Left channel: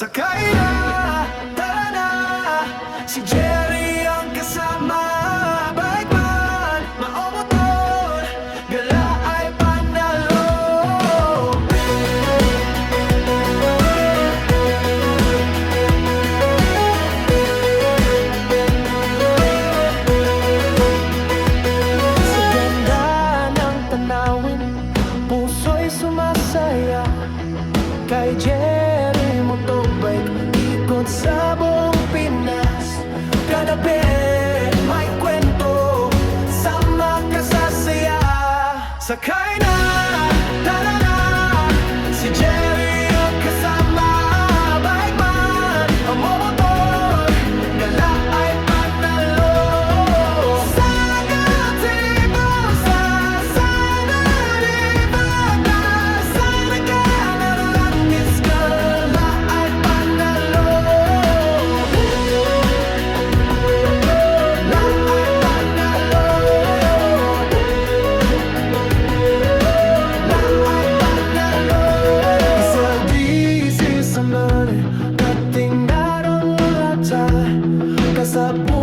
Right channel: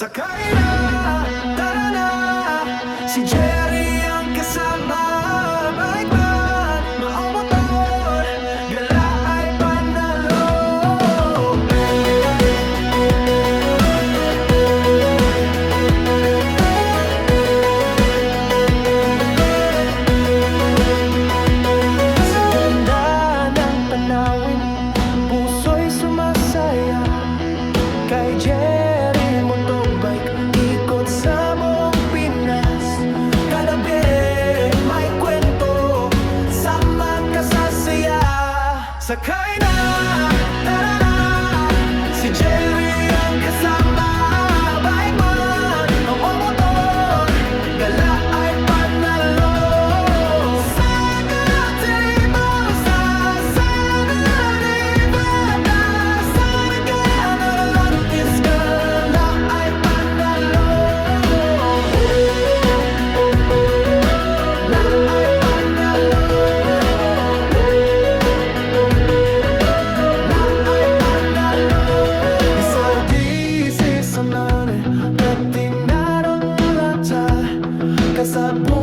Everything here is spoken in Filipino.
Sakay na, tara na, si Jerry ang kasama. Bike man, maomotor, gala ay panalo. Sa ganda ng tanawin, puso'y sumasaya. Kay Jerry Motobike, ikot sa buong Pinas. Kada bit may kwento, sama ka sa saya. Sakay na, tara na, si Jerry ang kasama. Bike man, momotor, gala ay panalo. Sa gazebo, sa Saturday, bata, sa regalo, langis, gala ay panalo. La ay panalo. La ay panalo. Isa-disi sa nane, katinarang lata, kasabot